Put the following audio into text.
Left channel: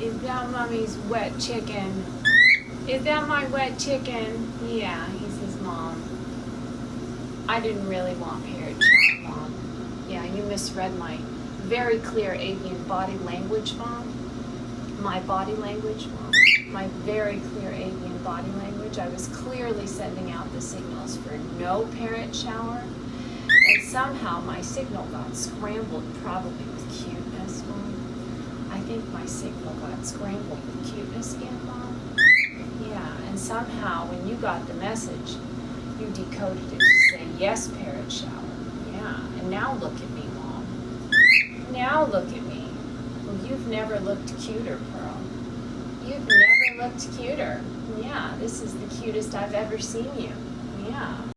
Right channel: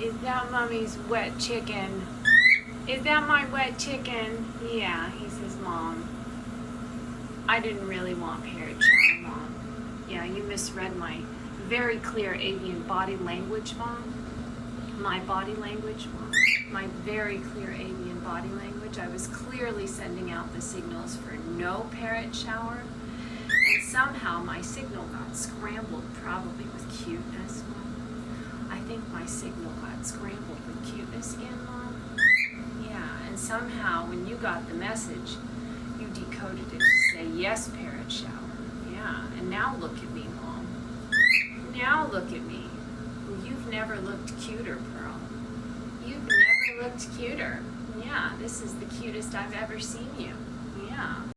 Is that mommy's wet chicken? Is that my wet chicken? Yeah, he says, Mom. I didn't really want Parrot chow, Mom. Yeah, you misread my very clear avian body language, Mom. My body language, Mom. My very clear avian body language. I was clearly sending out the signals for no parrot shower. And somehow my signal got scrambled, probably with cuteness, Mom. I think my signal got scrambled with cuteness again, Mom. Yeah, and somehow when you got the message, you decoded it to say, yes, parrot shower. Yeah, and now look at me, Mom. Now look at me. Well, you've never looked cuter, Pearl. You've never looked cuter. Yeah, this is the cutest I've ever seen you. Yeah.